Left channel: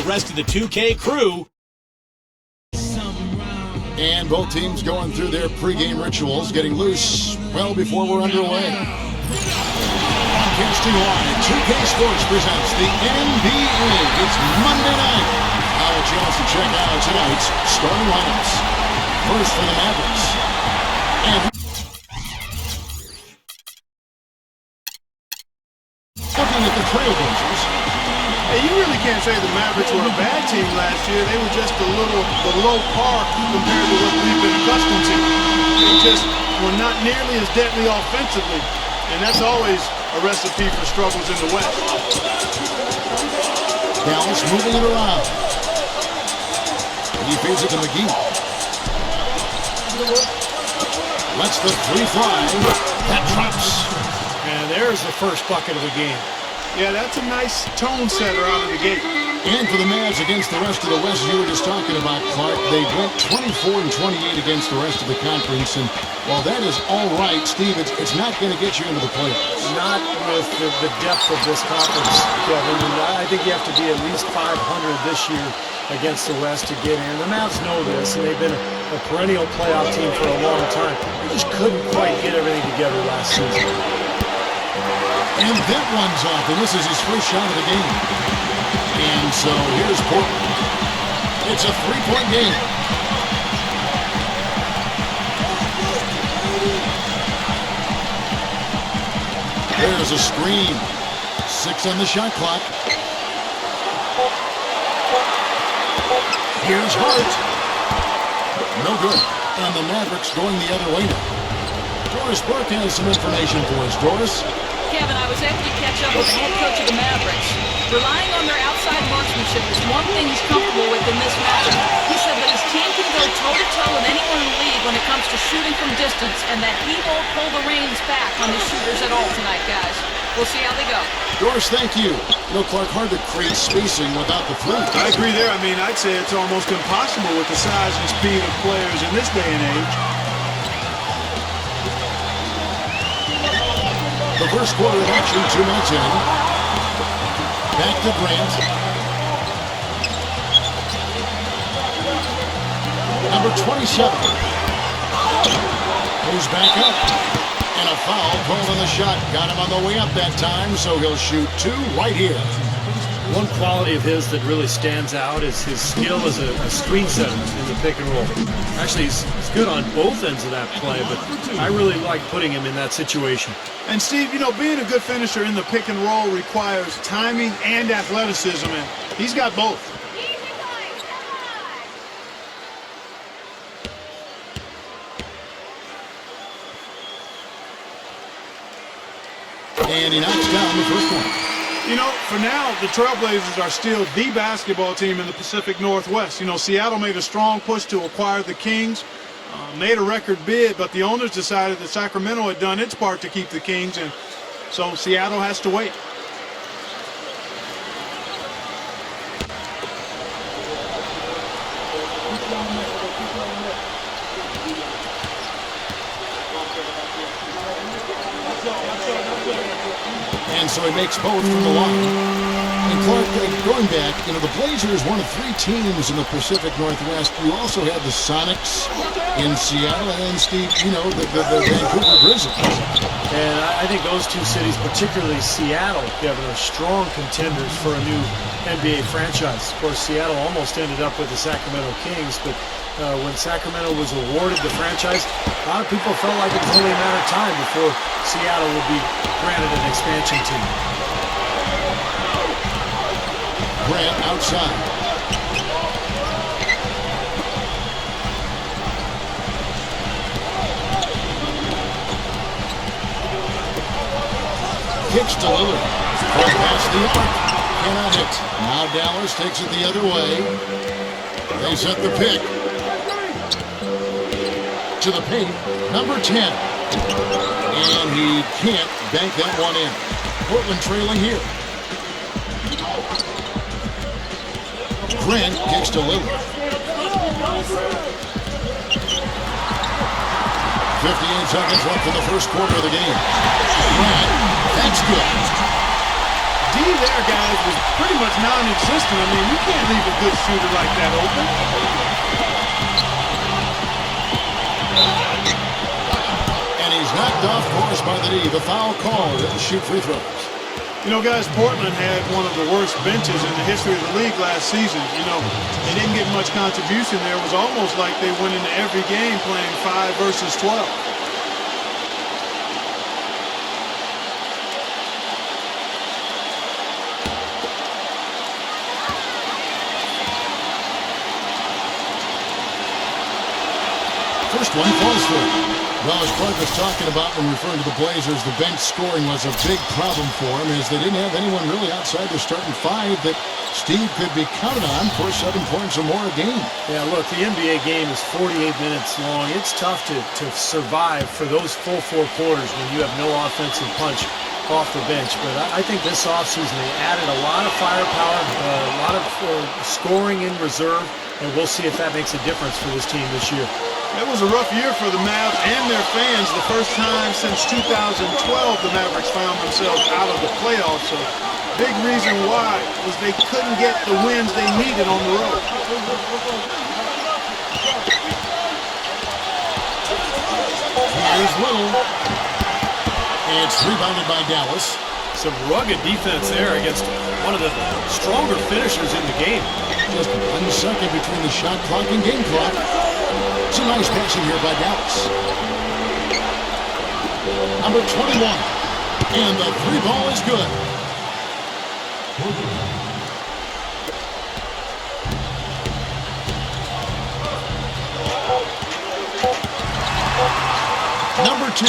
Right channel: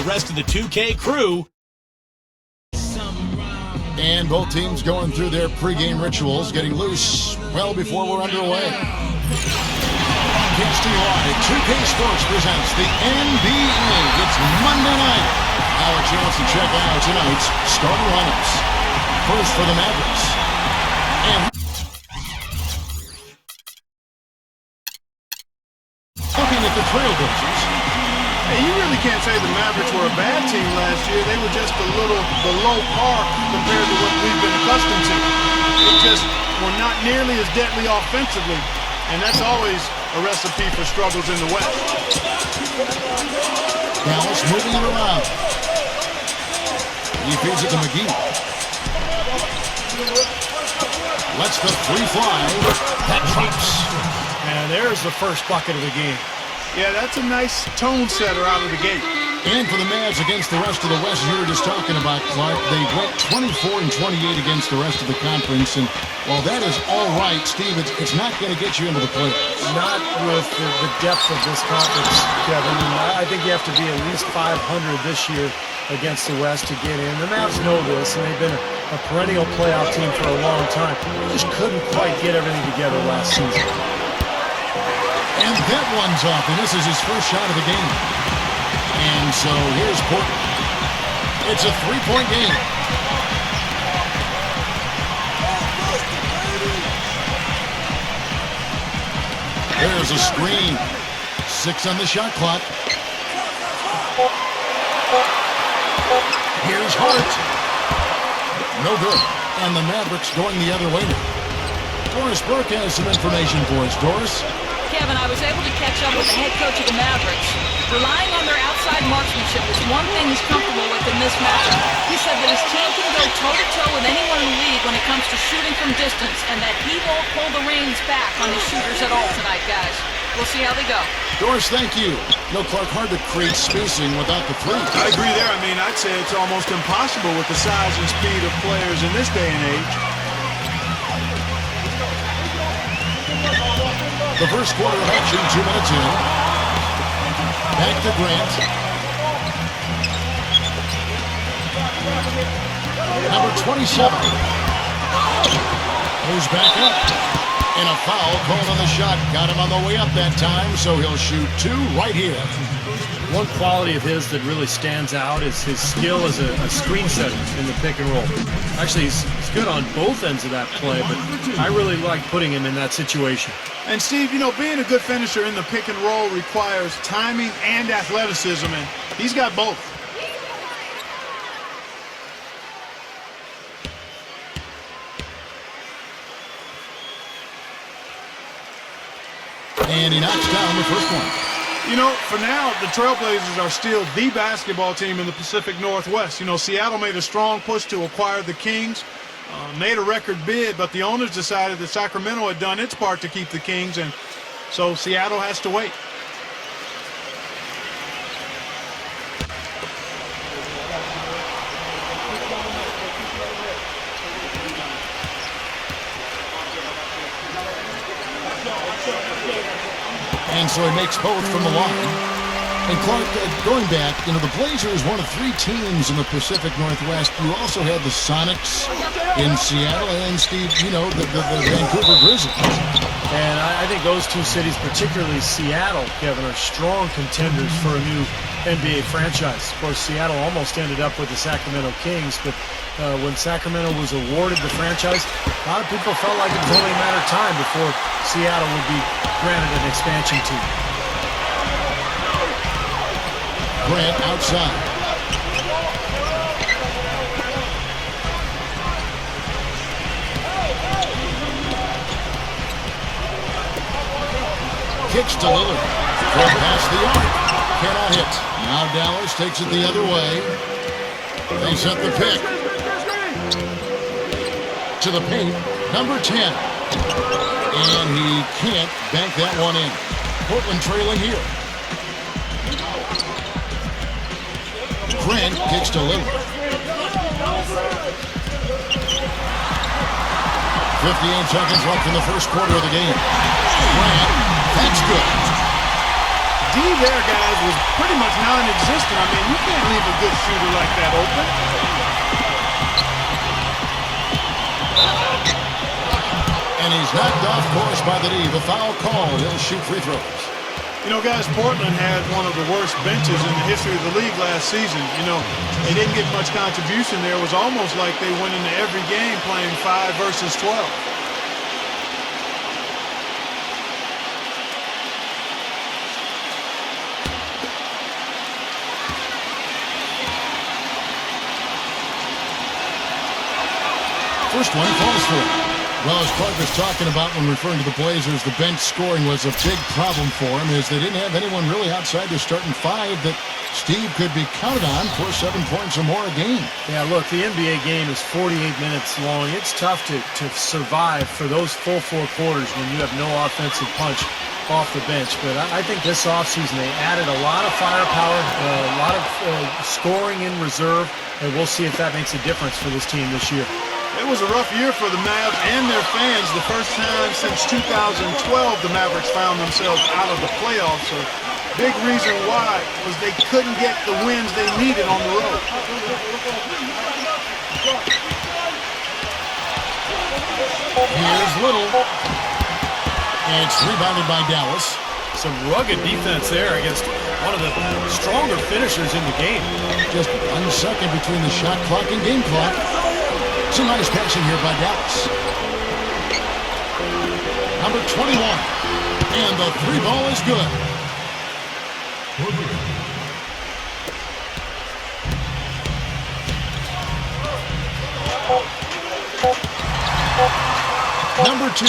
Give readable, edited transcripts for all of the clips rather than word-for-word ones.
the rest of the 2K crew. And both teams going through their pregame rituals, getting loose well before we're underway. Broadcasting live, 2K Sports presents the NBA. It's Monday night. Now a chance to check out tonight's starting lineups. First for the Mavericks. And looking at the Trailblazers. Hey, you really can't say the Mavericks were a bad team last year. They were just a little below par compared to what we've been accustomed to. They just were not nearly as deadly offensively, and that's always a recipe for struggles in the West. Dallas moving it around. He feeds it to McGee. Lets the three fly. That drops. And there's the first bucket of the game. Yeah, that's a nice tone setter out of the gate. And for the Mavs against the rest of the West, as you were just talking about, Clark, they went 24-28 against the rest of the conference. And while that is all right, Steve, it's not going to get you into the playoffs. Not with the depth of this conference, Kevin. And I think you have to be at least 500 this year against the West to get in. The Mavs know this, and they've been a perennial playoff team for a long time. They just couldn't quite get everything together last season. And that one's off, and this is his first shot of the game. And so here's Portland. It's a three-point game. There's a screen. 6 on the shot clock. Here's Hart. No good. And the Mavericks going the other way now. Doris Burke has some information for us. Doris? Kevin, I was able to catch up with the head coach of the Mavericks. Relying on their outside marksmanship is one thing he's comfortable with in this matchup. He said that his team can go toe-to-toe with anyone in the league when it comes to shooting from distance, and that he won't pull the reins back on his shooters at all tonight, guys. We'll see how they go. Doris, thank you. You know, Clark, hard to create spacing without the three. I agree there. I mean, I'd say it's almost impossible with the size and speed of players in this day and age. The first quarter of action, 2 minutes in. Back to Grant. Number 27. Goes back up. And a foul called on the shot. Got him on the way up that time, so he'll shoot 2 right here. One quality of his that really stands out is his skill as a screen setter in the pick and roll. Actually, he's good on both ends of that play, but I really like putting him in that situation. And Steve, you know, being a good finisher in the pick and roll requires timing and athleticism, and he's got both. And he knocks down the first one. You know, for now, the Trailblazers are still the basketball team in the Pacific Northwest. You know, Seattle made a strong push to acquire the Kings, made a record bid, but the owners decided that Sacramento had done its part to keep the Kings, and so Seattle has to wait. And so he makes both from the line. And Clark, going back, you know, the Blazers, one of 3 teams in the Pacific Northwest. You also had the Sonics in Seattle, and Steve, you know, the Vancouver Grizzlies. And I think those 2 cities, particularly Seattle, Kevin, are strong contenders for a new NBA franchise. Of course, Seattle almost ended up with the Sacramento Kings, but when Sacramento was awarded the franchise, a lot of people felt like it was only a matter of time before Seattle would be granted an expansion team. Grant outside. Kicks to Lillard. From past the arc. Cannot hit. Now Dallas takes it the other way. They set the pick. To the paint. Number 10. And he can't bank that one in. Portland trailing here. Grant kicks to Lillard. 58 seconds left in the first quarter of the game. Grant, that's good. D there, guys, was pretty much non-existent. I mean, you can't leave a good shooter like that open. And he's knocked off course by the D. The foul called. He'll shoot free throws. You know, guys, Portland had one of the worst benches in the history of the league last season. You know, they didn't get much contribution there. It was almost like they went into every game playing 5 versus 12. First one falls for him. Well, as Clark was talking about when referring to the Blazers, the bench scoring was a big problem for him as they didn't have anyone really outside their starting 5 that Steve could be counted on for 7 points or more a game. Yeah, look, the NBA game is 48 minutes long. It's tough to survive for those full 4 quarters when you have no offensive punch off the bench. But I think this offseason they added a lot of firepower, a lot of scoring in reserve, and we'll see if that makes a difference for this team this year. It was a rough year for the Mavs and their fans. The first time since 2012 the Mavericks found themselves out of the playoffs. A big reason why was they couldn't get the wins they needed on the road. Here's Little. It's rebounded by Dallas. Some rugged defense there against one of the stronger finishers in the game. Just 1 second between the shot clock and game clock. Some nice passing here by Dallas. Number 21. And the 3 ball is good. Number 2.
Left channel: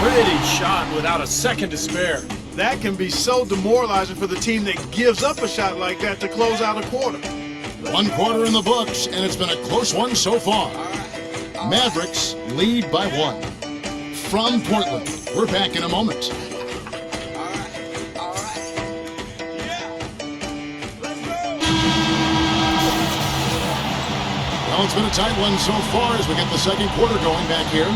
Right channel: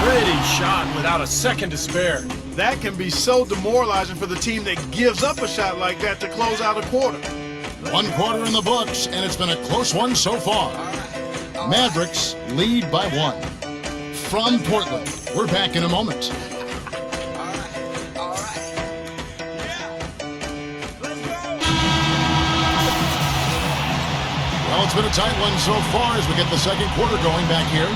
Pretty shot without a second to spare. That can be so demoralizing for the team that gives up a shot like that to close out a quarter. 1 quarter in the books, and it's been a close one so far. Mavericks lead by 1. From Portland, we're back in a moment. Well, it's been a tight one so far as we get the second quarter going back here.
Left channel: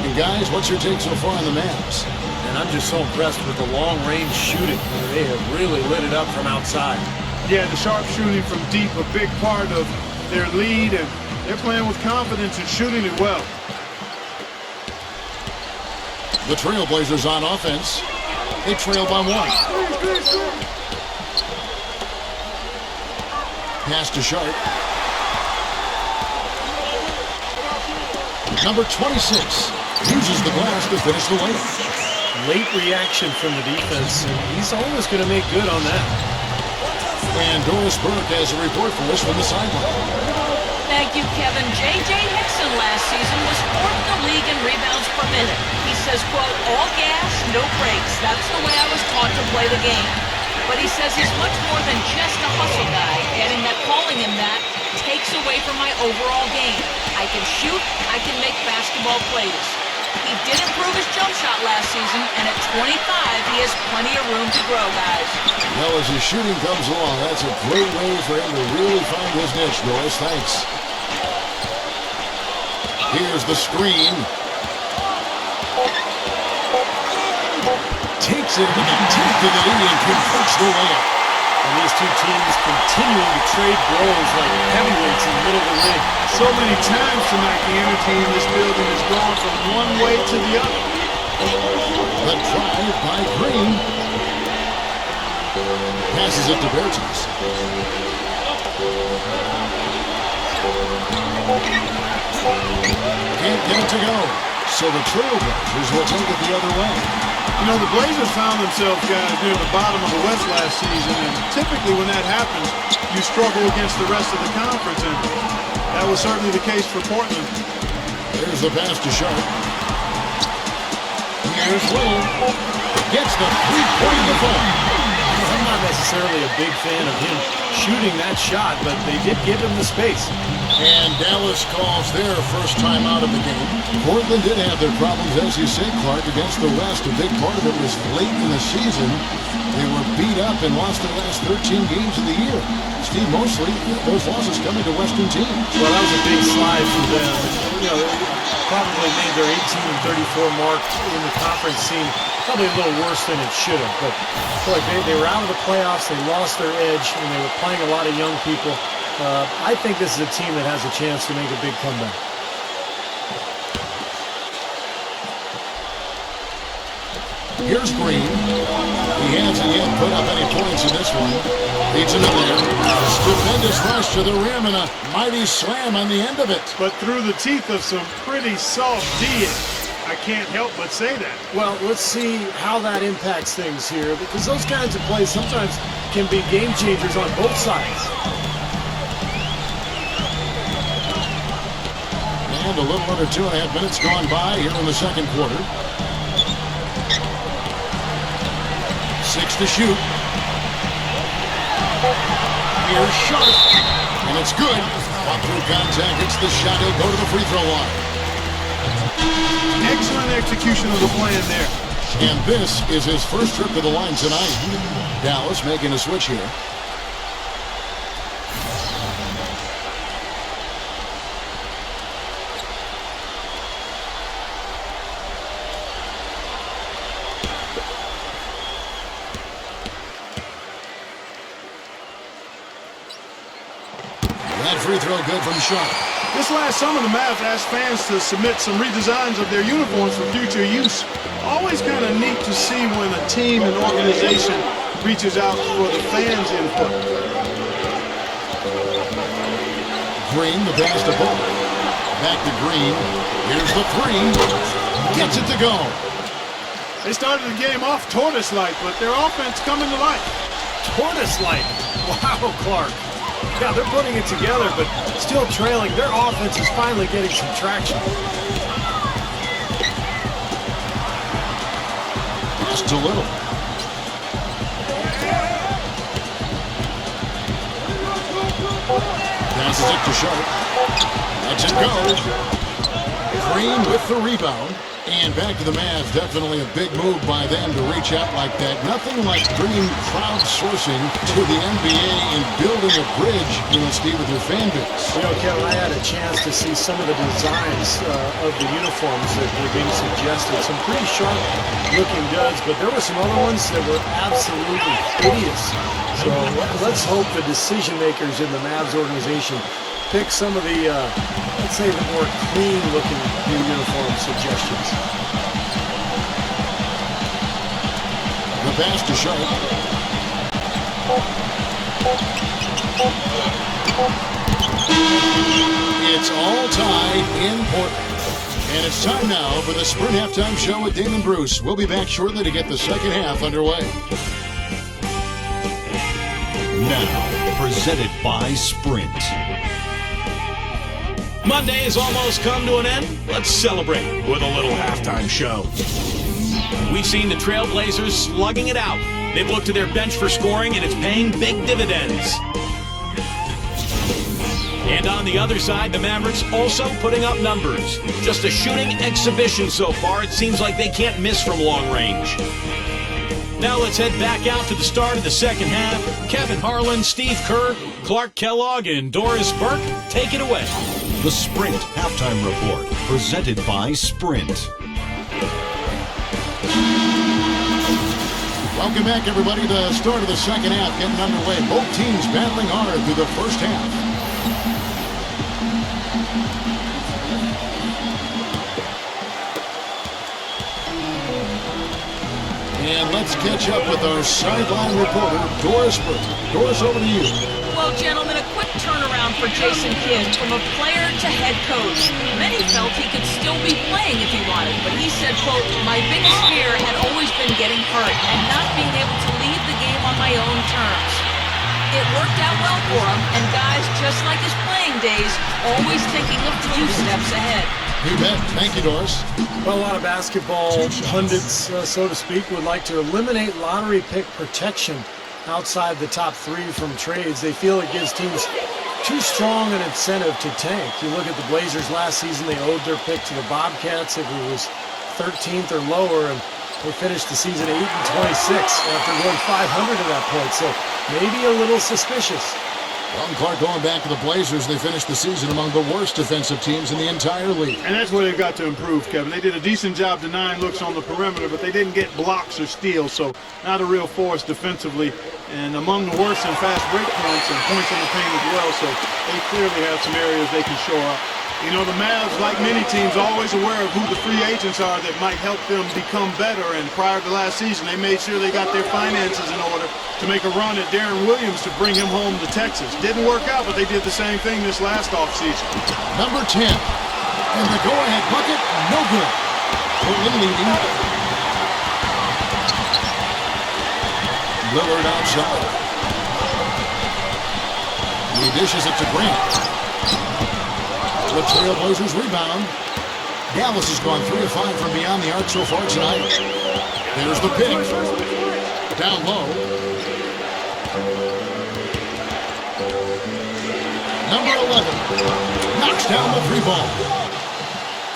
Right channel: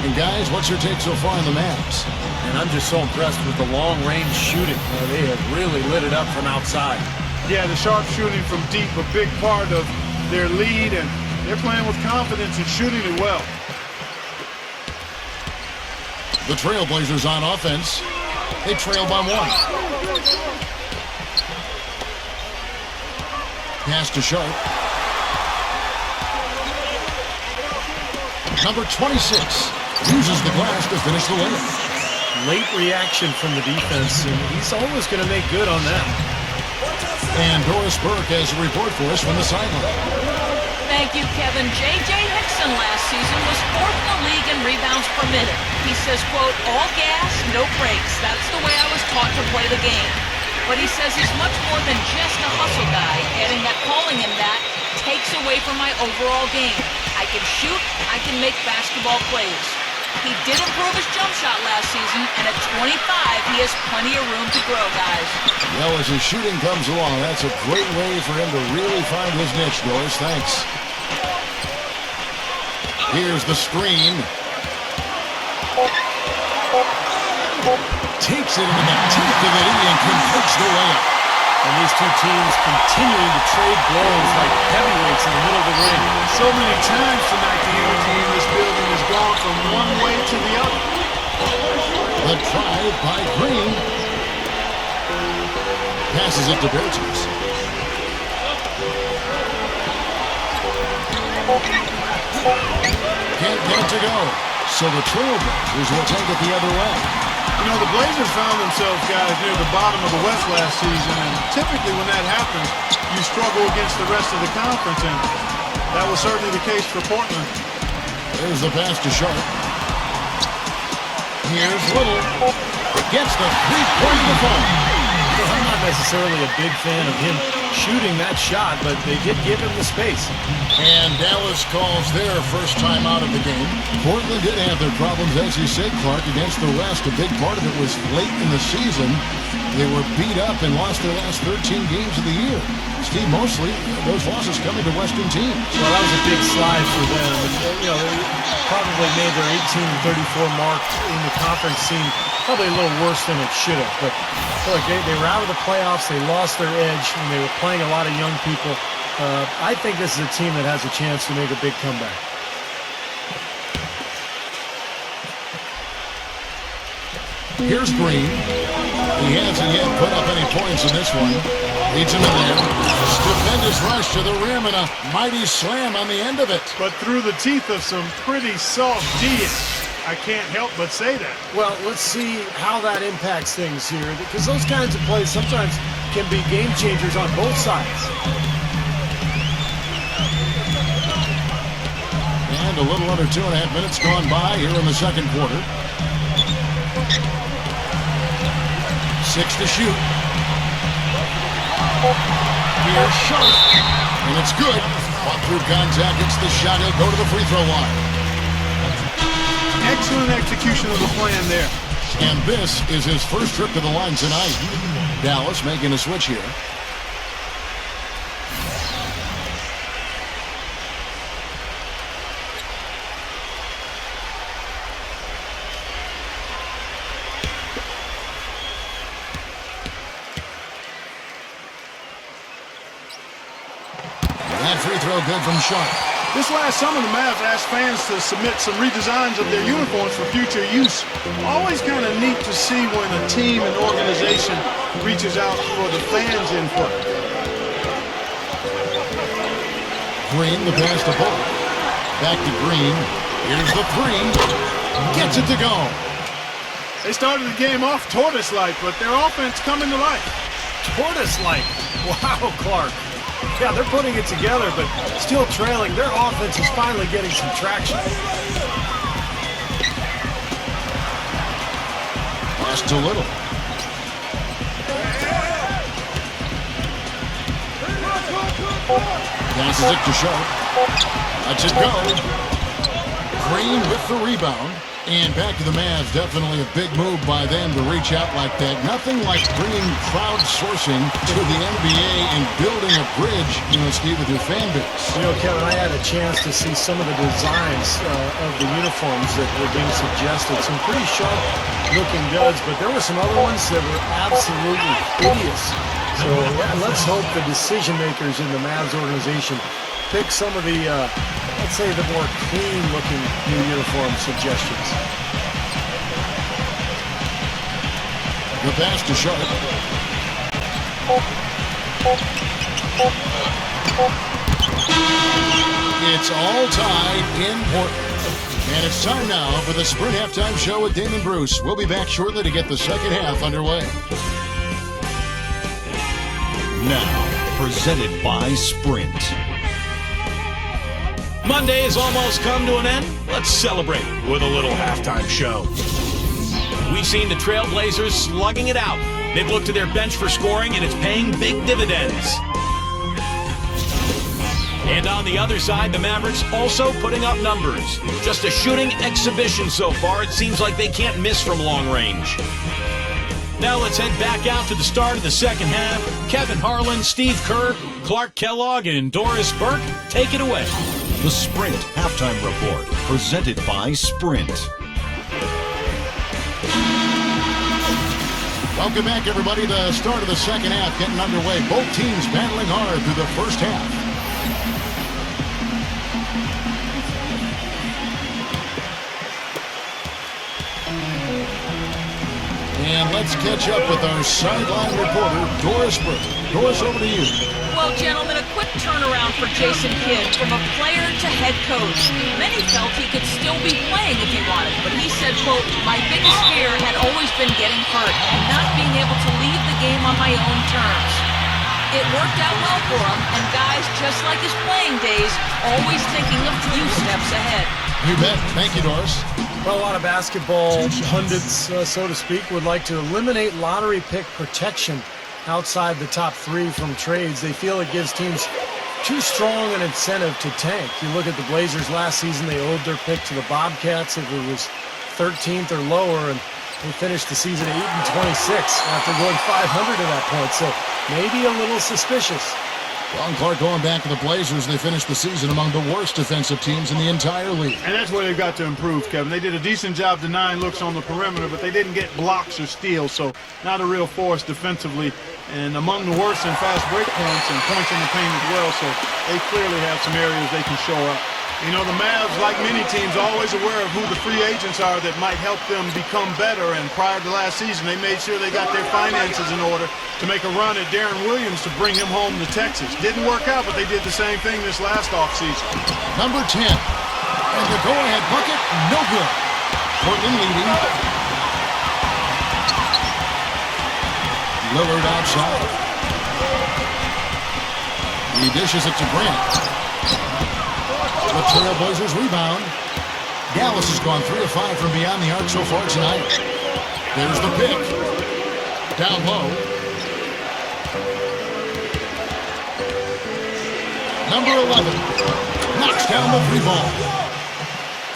And guys, what's your take so far on the Mavs? And I'm just so impressed with the long-range shooting. They have really lit it up from outside. Yeah, the sharp shooting from deep, a big part of their lead, and they're playing with confidence and shooting it well. The Trailblazers on offense. They trail by 1. Pass to Sharp. Number 26 uses the glass to finish the layup. Late reaction from the defense, and he's always going to make good on that. And Doris Burke has a report for us from the sideline. Thank you, Kevin. J.J. Hickson last season was 4th in the league in rebounds per minute. He says, quote, all gas, no brakes. That's the way I was taught to play the game. But he says he's much more than just a hustle guy, adding that calling him that takes away from my overall game. I can shoot, I can make basketball plays. He did improve his jump shot last season, and at 25, he has plenty of room to grow, guys. Well, as his shooting comes along, that's a great way for him to really find his niche, Doris. Thanks. Here's the screen. Takes it into the teeth of the D and converts the layup. And these two teams continuing to trade blows like heavyweights in the middle of the ring. So many times tonight, the energy in this building has gone from one way to the other. The drive by Green. Passes it to Bertens. Can't get it to go. So the Trailblazers will take it the other way. You know, the Blazers found themselves, guys, near the bottom of the West last season, and typically when that happens, you struggle against the rest of the conference, and that was certainly the case for Portland. There's the pass to Sharp. Here's Little. Gets the three-point of the ball. I'm not necessarily a big fan of him shooting that shot, but they did give him the space. And Dallas calls their first time out of the game. Portland did have their problems, as you said, Clark, against the West. A big part of it was late in the season. They were beat up and lost their last 13 games of the year. Steve, mostly those losses coming to Western teams. Well, that was a big slide for them. And, you know, probably made their 18-34 mark in the conference seem probably a little worse than it should have. But I feel like they were out of the playoffs, they lost their edge, and they were playing a lot of young people. I think this is a team that has a chance to make a big comeback. Here's Green. He hasn't yet put up any points in this one. Leads him in there. Stupendous rush to the rim and a mighty slam on the end of it. But through the teeth of some pretty soft D. I can't help but say that. Well, let's see how that impacts things here, because those kinds of plays sometimes can be game changers on both sides. And a little under 2.5 minutes gone by here in the second quarter. 6 to shoot. Here's Sharp. And it's good. Fought through contact, hits the shot. He'll go to the free throw line. Excellent execution of the plan there. And this is his first trip to the line tonight. Dallas making a switch here. That free throw good from Sharp. This last summer, the Mavs asked fans to submit some redesigns of their uniforms for future use. Always kind of neat to see when a team and organization reaches out for the fans' input. Green, the pass to Bull. Back to Green. Here's the three. Gets it to go. They started the game off tortoise-like, but their offense coming to life. Tortoise-like. Wow, Clark. Yeah, they're putting it together, but still trailing. Their offense is finally getting some traction. Pass to Little. Passes it to Sharp. Lets it go. Green with the rebound. And back to the Mavs. Definitely a big move by them to reach out like that. Nothing like bringing crowdsourcing to the NBA and building a bridge, Steve, with your fan base. Kevin, I had a chance to see some of the designs of the uniforms that were being suggested. Some pretty sharp-looking duds, but there were some other ones that were absolutely hideous. So let's hope the decision makers in the Mavs organization pick some of the let's say the more clean-looking new uniform suggestions. The pass to Sharp. It's all tied in Portland. And it's time now for the Sprint Halftime Show with Damon Bruce. We'll be back shortly to get the second half underway. Now, presented by Sprint. Monday has almost come to an end. Let's celebrate with a little halftime show. We've seen the Trailblazers slugging it out. They've looked to their bench for scoring, and it's paying big dividends. And on the other side, the Mavericks also putting up numbers. Just a shooting exhibition so far. It seems like they can't miss from long range. Now let's head back out to the start of the second half. Kevin Harlan, Steve Kerr, Clark Kellogg, and Doris Burke, take it away. The Sprint Halftime Report, presented by Sprint. Welcome back, everybody. The start of the second half getting underway. Both teams battling hard through the first half. And let's catch up with our sideline reporter, Doris Burke. Doris, over to you. Well, gentlemen, a quick turnaround for Jason Kidd from a player to head coach. Many felt he could still be playing if he wanted, but he said, quote, "My biggest fear had always been getting hurt and not being able to leave the game on my own terms." It worked out well for him, and guys, just like his playing days, always thinking a few steps ahead. You bet. Thank you, Doris. Well, a lot of basketball pundits, so to speak, would like to eliminate lottery pick protection outside the top three from trades. They feel it gives teams too strong an incentive to tank. You look at the Blazers last season, they owed their pick to the Bobcats if it was 13th or lower, and they finished the season 8-26 after going 500 at that point. So maybe a little suspicious. Ron Clark going back to the Blazers. They finished the season among the worst defensive teams in the entire league. And that's where they've got to improve, Kevin. They did a decent job denying looks on the perimeter, but they didn't get blocks or steals, so not a real force defensively. And among the worst in fast break points and points in the paint as well, so they clearly have some areas they can shore up. You know, the Mavs, like many teams, are always aware of who the free agents are that might help them become better. And prior to last season, they made sure they got their finances in order to make a run at Darren Williams to bring him home to Texas. Didn't work out, but they did the same thing this last offseason. Number 10. And the go-ahead bucket, no good. Portland leading. Lillard outside. He dishes it to Grant. The Trailblazers rebound. Dallas has gone 3 of 5 from beyond the arc so far tonight. There's the pick. Down low. Number 11 knocks down the 3 ball.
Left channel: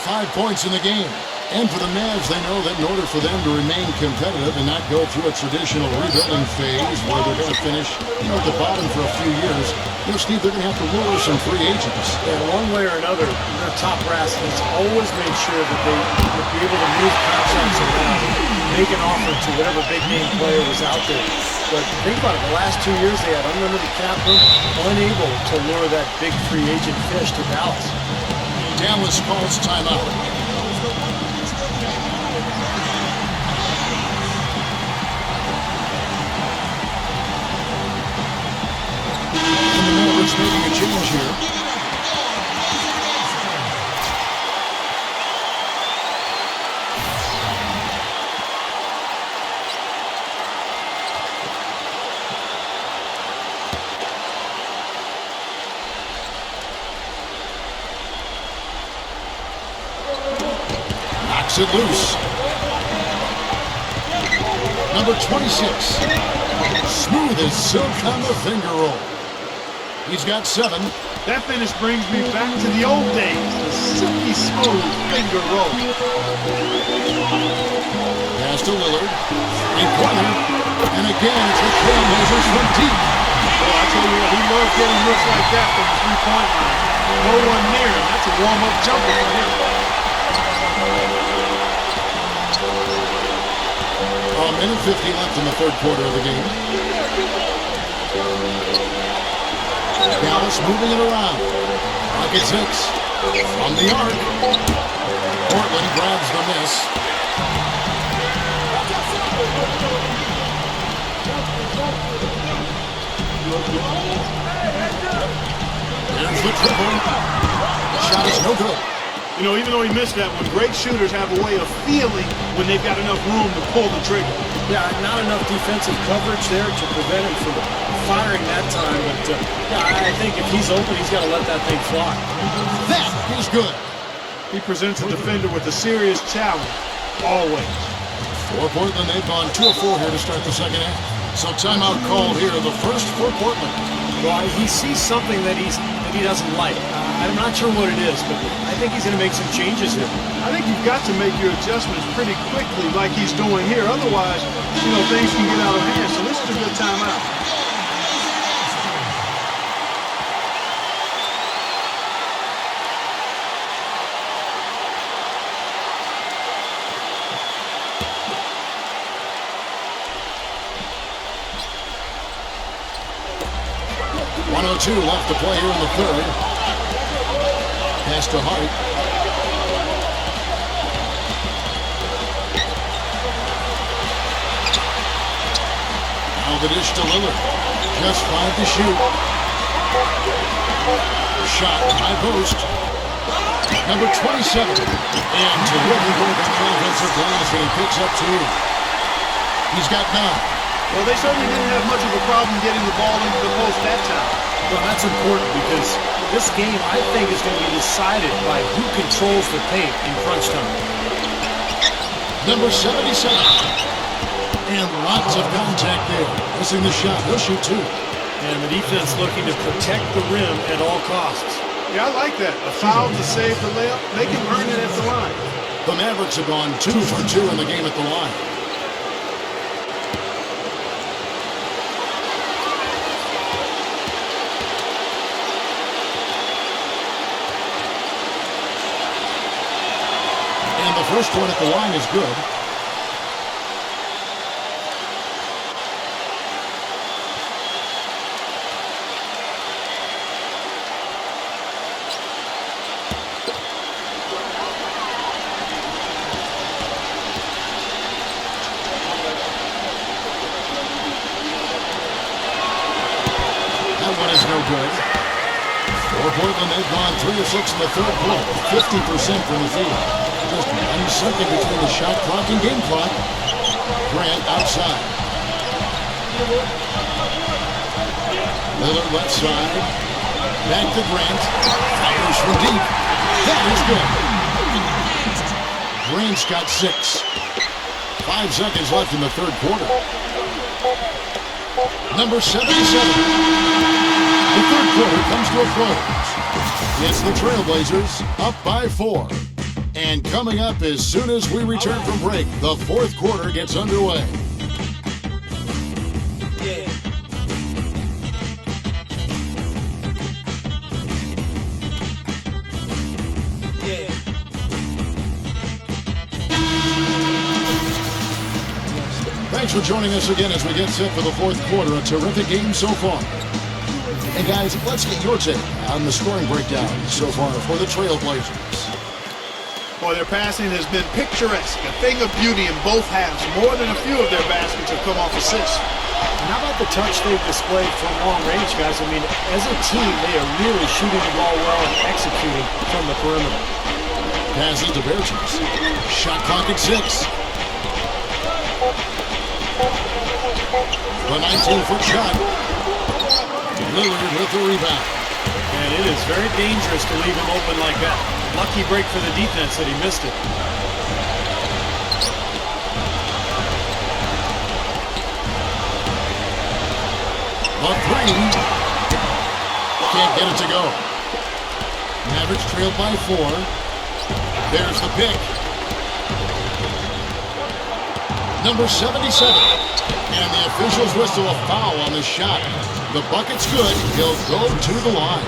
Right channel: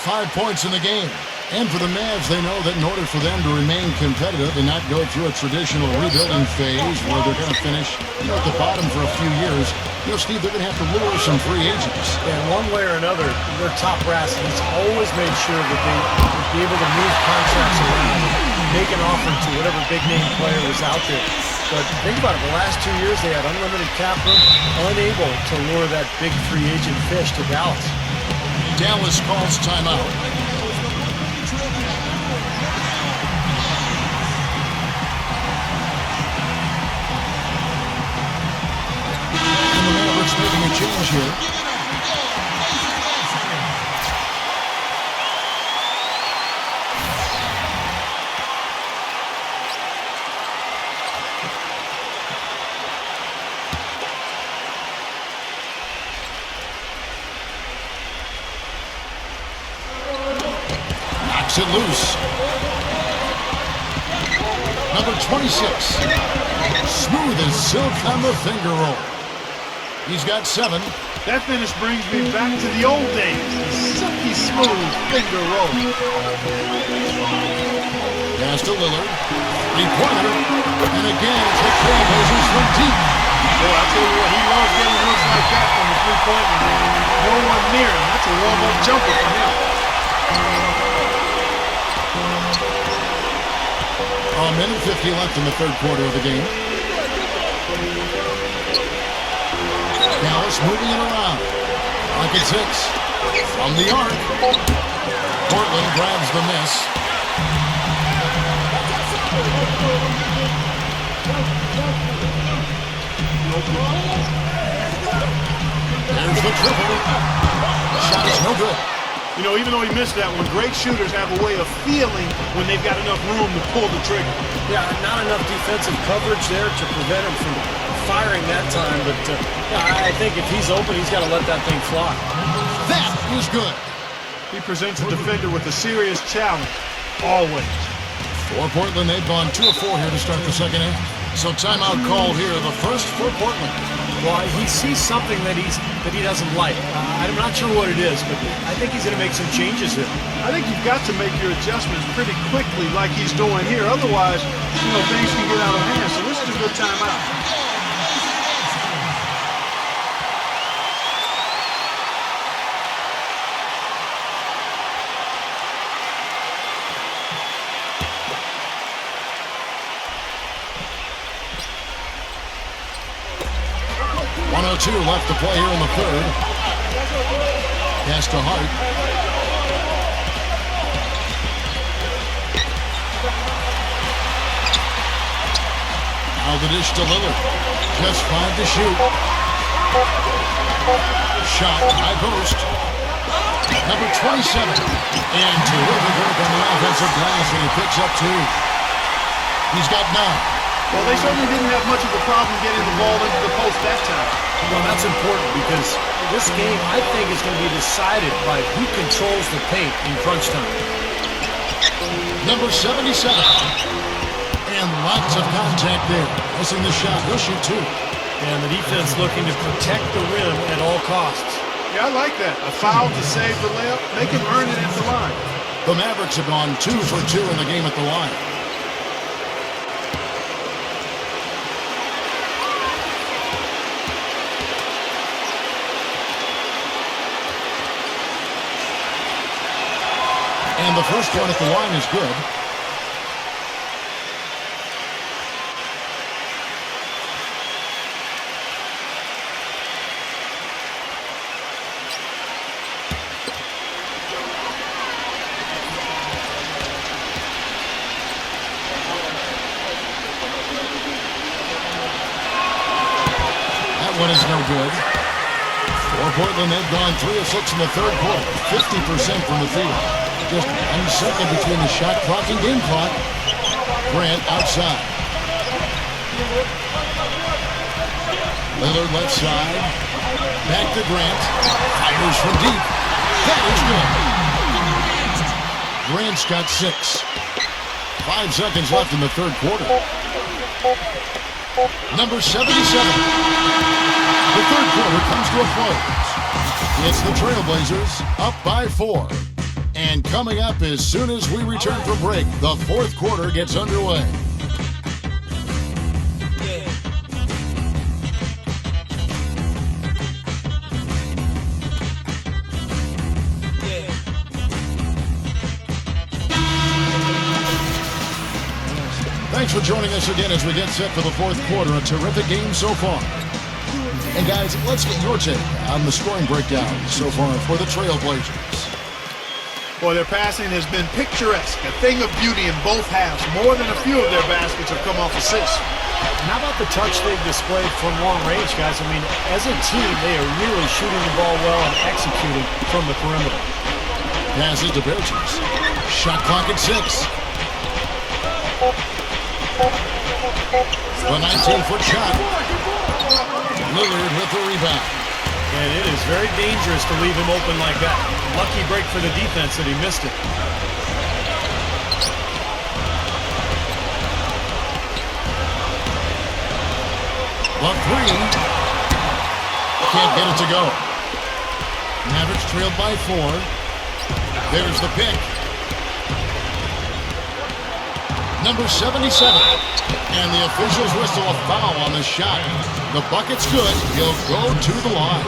5 points in the game. And for the Mavs, they know that in order for them to remain competitive and not go through a traditional rebuilding phase where they're going to finish, at the bottom for a few years, Steve, they're going to have to lure some free agents. And one way or another, their top brass has always made sure that they would be able to move contracts around and make an offer to whatever big-name player was out there. But think about it, the last 2 years they had unlimited cap room, unable to lure that big free agent fish to Dallas. Dallas calls timeout. Making a change here. Knocks it loose. Number 26. Smooth as silk on the finger roll. He's got 7. That finish brings me back to the old days, the silky smooth finger roll. Pass to Lillard. 3-pointer. And again, it's the Trailblazers from deep. Boy, I tell you what, he loves getting looks like that from the 3-point line. No one near him. That's a warm-up jumper for him. A minute 50 left in the third quarter of the game. Dallas moving it around. Pocket 6. From the arc. Portland grabs the miss. There's the triple. Shot is no good. Even though he missed that one, great shooters have a way of feeling when they've got enough room to pull the trigger. Yeah, not enough defensive coverage there to prevent him from firing that time, but I think if he's open, he's got to let that thing fly. That is good. He presents a defender with a serious challenge, always. For Portland, they've gone 2 of 4 here to start the second half. So timeout called here, the first for Portland. Well, he sees something that he doesn't like. I'm not sure what it is, but I think he's going to make some changes here. I think you've got to make your adjustments pretty quickly like he's doing here. Otherwise, things can get out of hand. So this is a good timeout. .102 left to play here in the third. Pass to Hart. Now the dish to Lillard. Just 5 to shoot. Shot, high post. Number 27. And terrific work on the offensive glass, and he picks up 2. He's got 9. Well, they certainly didn't have much of a problem getting the ball into the post that time. Well, that's important because this game, I think, is going to be decided by who controls the paint in crunch time. Number 77. And lots of contact there. Missing the shot. He'll shoot 2. And the defense looking to protect the rim at all costs. Yeah, I like that. A foul to save the layup. Make him earn it at the line. The Mavericks have gone 2 for 2 in the game at the line. And the first one at the line is good. That one is no good. For Portland, they've gone 3 of 6 in the third quarter, 50% from the field. Just 1 second between the shot clock and game clock. Grant outside. Lillard left side. Back to Grant. Fires from deep. That is good. Grant's got 6. 5 seconds left in the third quarter. Number 77. The third quarter comes to a close. It's the Trailblazers up by 4. And coming up as soon as we return from break, the fourth quarter gets underway. Thanks for joining us again as we get set for the fourth quarter. A terrific game so far. And guys, let's get your take on the scoring breakdown so far for the Trailblazers. Boy, their passing has been picturesque, a thing of beauty in both halves. More than a few of their baskets have come off assists. And how about the touch they've displayed from long range, guys? I mean, as a team, they are really shooting the ball well and executing from the perimeter. Passes to Bertens. Shot clock at 6. The 19-foot shot. Lillard with the rebound. And it is very dangerous to leave him open like that. Lucky break for the defense that he missed it. The 3. Can't get it to go. Mavericks trailed by 4. There's the pick. Number 77. And the officials whistle a foul on the shot. The bucket's good. He'll go to the line.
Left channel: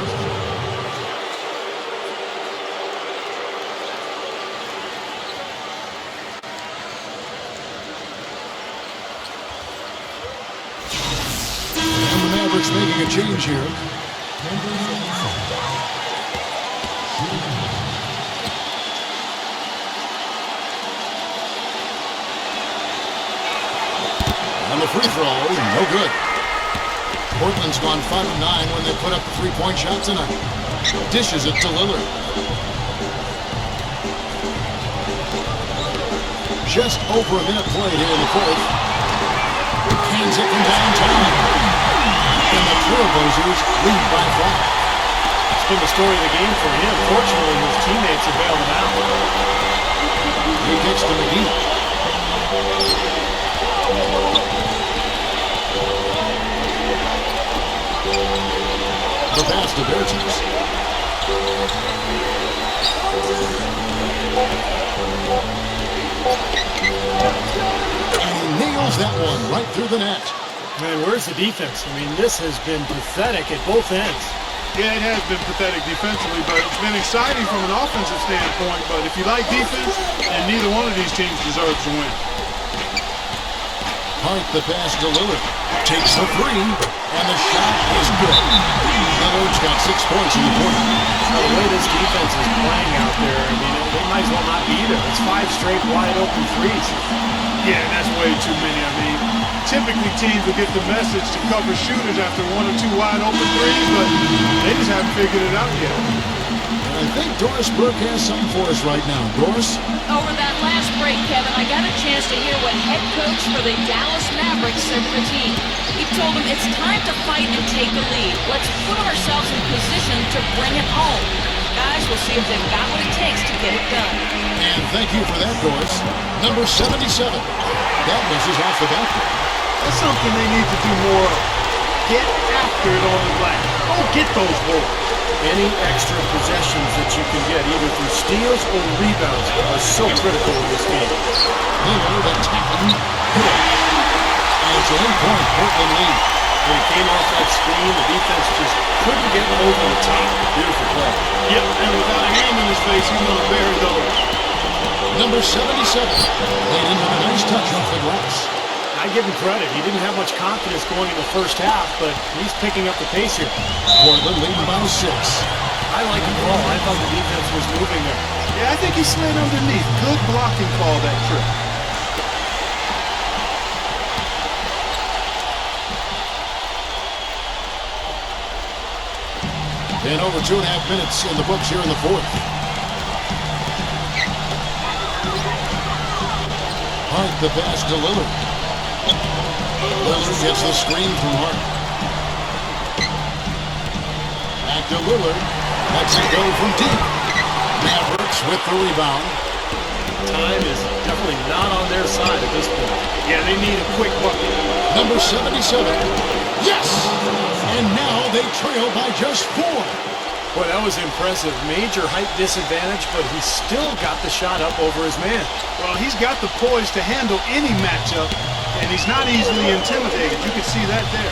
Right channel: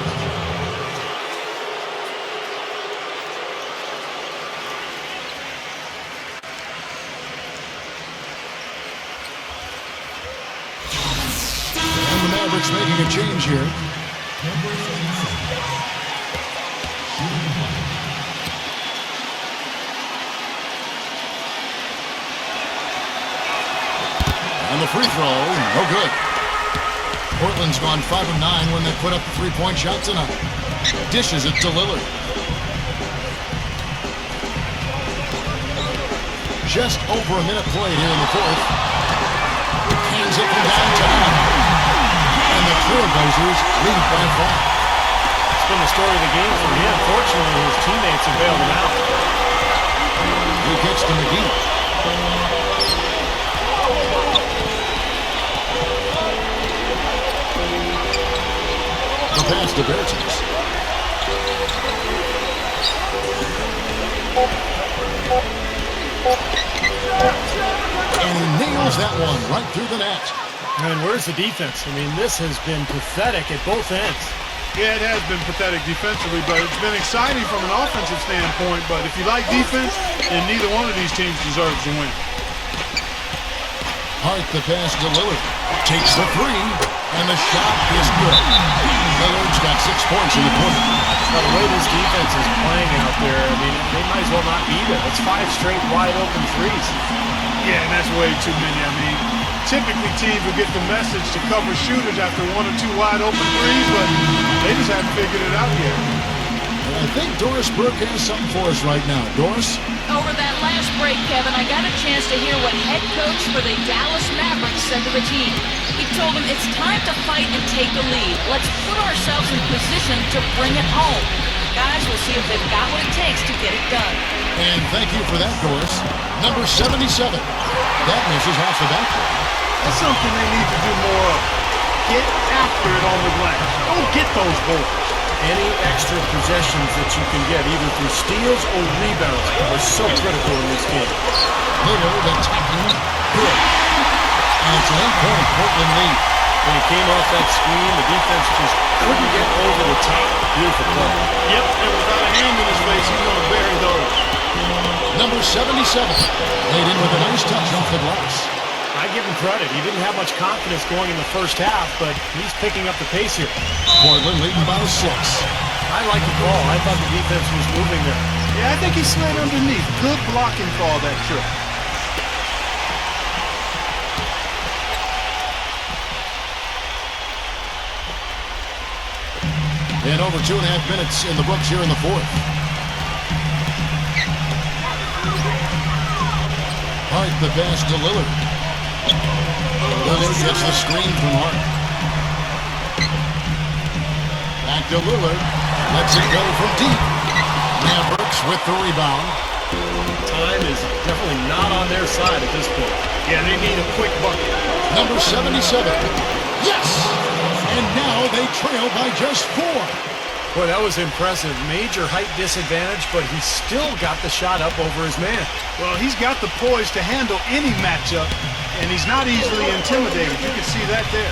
And the Mavericks making a change here. And the free throw, no good. Portland's gone 5 of 9 when they put up the three-point shot tonight. Dishes it to Lillard. Just over a minute played here in the fourth. Hands it from downtown. And the Trailblazers lead by 5. It's been the story of the game for him. Fortunately, his teammates have bailed him out. He kicks to McGee. The pass to Bertens. And he nails that one right through the net. And where's the defense? I mean, this has been pathetic at both ends. Yeah, it has been pathetic defensively, but it's been exciting from an offensive standpoint. But if you like defense, then neither one of these teams deserves to win. Hart the pass to Lillard. Takes the 3, and the shot is good. Lillard's got 6 points in the quarter. Now, the way this defense is playing out there, I mean, they might as well not be there. It's 5 straight wide open threes. Yeah, and that's way too many. I mean, typically teams will get the message to cover shooters after 1 or 2 wide open threes, but they just haven't figured it out yet. And I think Doris Burke has something for us right now. Doris? Over that last break, Kevin, I got a chance to hear what head coach for the Dallas Mavericks said to the team. He told them it's time to fight and take the lead. Let's put ourselves in position to bring it home. Guys, we'll see if they've got what it takes to get it done. And thank you for that, Doris. Number 77. That misses off the backboard. That's something they need to do more of. Get after it on the glass. Go get those boards. Any extra possessions that you can get, either through steals or rebounds, are so critical in this game. Lillard attacking. Good. And it's an 8-point Portland lead. When he came off that screen, the defense just couldn't get over the top. Beautiful play. Yep, and without a hand in his face, he's going to bury those. Number 77, laid in with a nice touch off the glass. I give him credit. He didn't have much confidence going in the first half, but he's picking up the pace here. Portland leading by 6. I like the call. I thought the defense was moving there. Yeah, I think he slid underneath. Good blocking call that trip. And over 2.5 minutes in the books here in the fourth. Hart the pass to Lillard. Lillard gets the screen from Hart. Back to Lillard. Lets it go from deep. Mavericks with the rebound. Time is definitely not on their side at this point. Yeah, they need a quick bucket. Number 77. Yes! And now they trail by just 4. Boy, that was impressive. Major height disadvantage, but he still got the shot up over his man. Well, he's got the poise to handle any matchup, and he's not easily intimidated. You can see that there.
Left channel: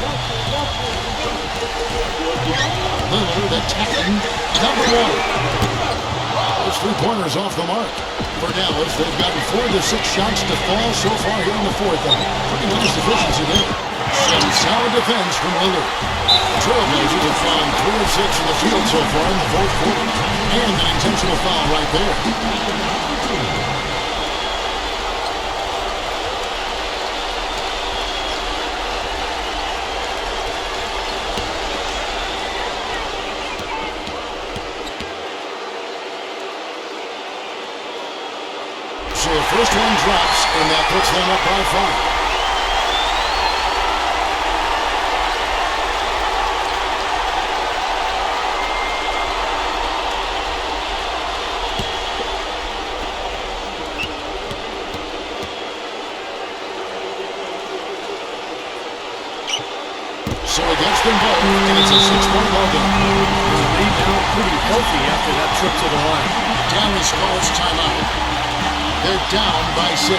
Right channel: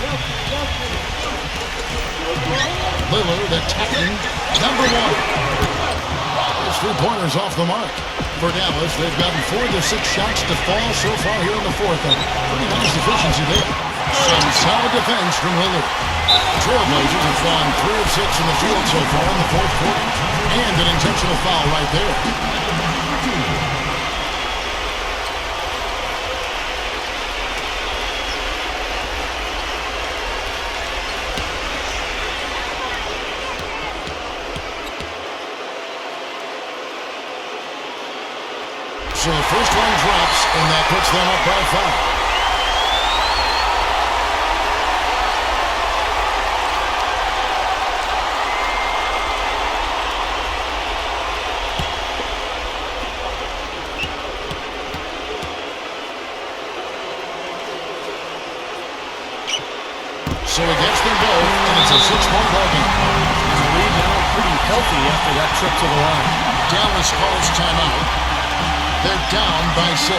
Lillard attacking number 1. His 3-pointers off the mark. For Dallas, they've gotten 4 of their 6 shots to fall so far here in the fourth. Pretty nice efficiency there. Some solid defense from Lillard. The Trailblazers have fallen 3 of 6 in the field so far in the fourth quarter. And an intentional foul right there. So the first one drops, and that puts them up by 5. So he gets them both, and it's a 6-point ball game. His lead now pretty healthy after that trip to the line. Dallas calls timeout. They're down by 6.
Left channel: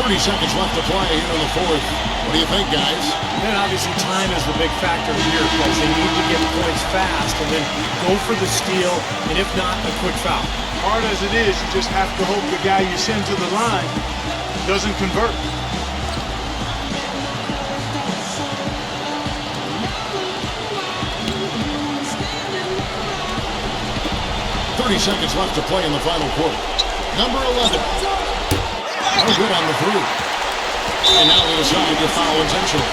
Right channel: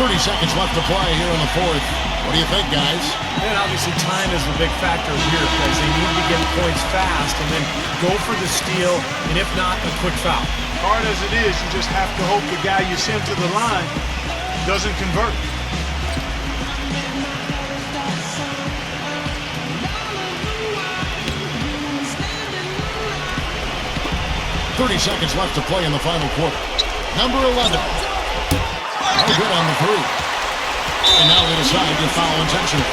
30 seconds left to play here in the fourth. What do you think, guys? And obviously time is the big factor here because they need to get points fast and then go for the steal, and if not, a quick foul. Hard as it is, you just have to hope the guy you send to the line doesn't convert. .30 seconds left to play in the final quarter. Number 11. No good on the 3. And now they decide to foul intentionally.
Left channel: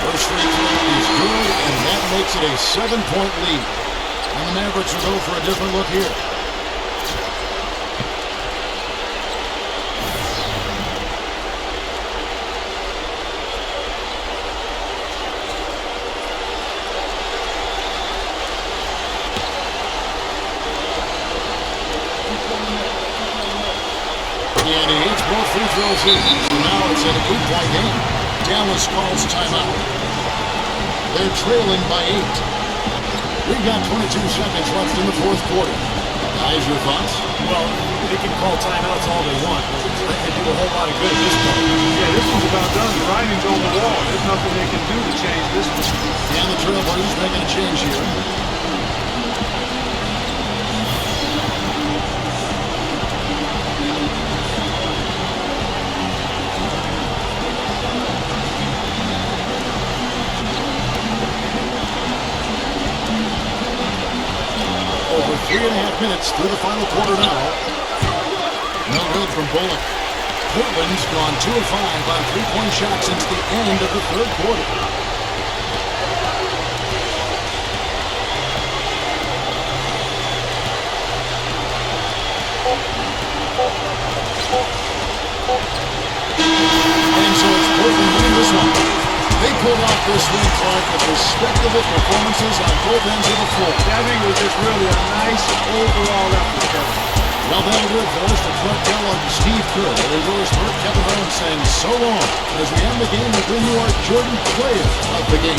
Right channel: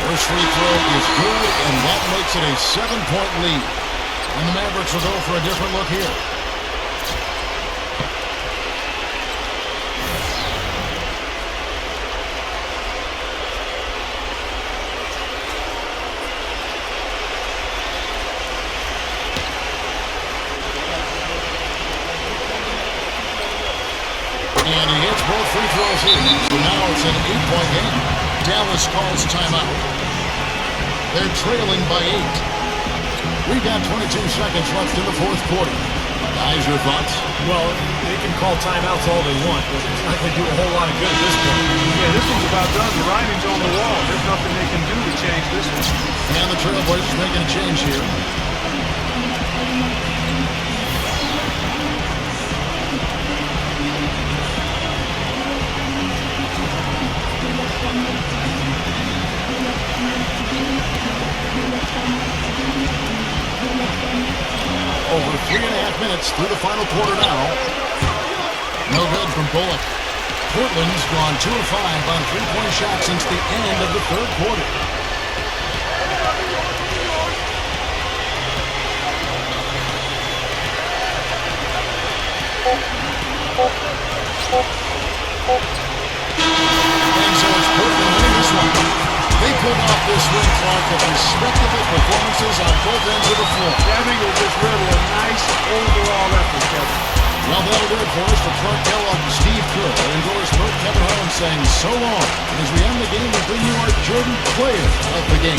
First free throw is good, and that makes it a 7-point lead. And the Mavericks will go for a different look here. And he hits both free throws here. So now it's an 8-point game. Dallas calls timeout. They're trailing by 8. We've got 22 seconds left in the fourth quarter. Guys, your thoughts? Well, they can call timeouts all they want, but it's not going to do a whole lot of good at this point. Yeah, this one's about done. The writing's on the wall. There's nothing they can do to change this one. And the Trailblazers making a change here. Over 3.5 minutes through the final quarter now. No good from Bullock. Portland's gone 2 of 5 on 3-point shots since the end of the third quarter. And so it's Portland winning this one. They pulled off this win, Clark, with respectable performances on both ends of the floor. Yeah, I think it was just really a nice overall effort, Kevin. Well, that'll do it for us. For Clark Kellogg and Steve Kerr, endorsed Bert Kevin Holmes saying so long. And as we end the game, we bring you our Jordan Player of the Game.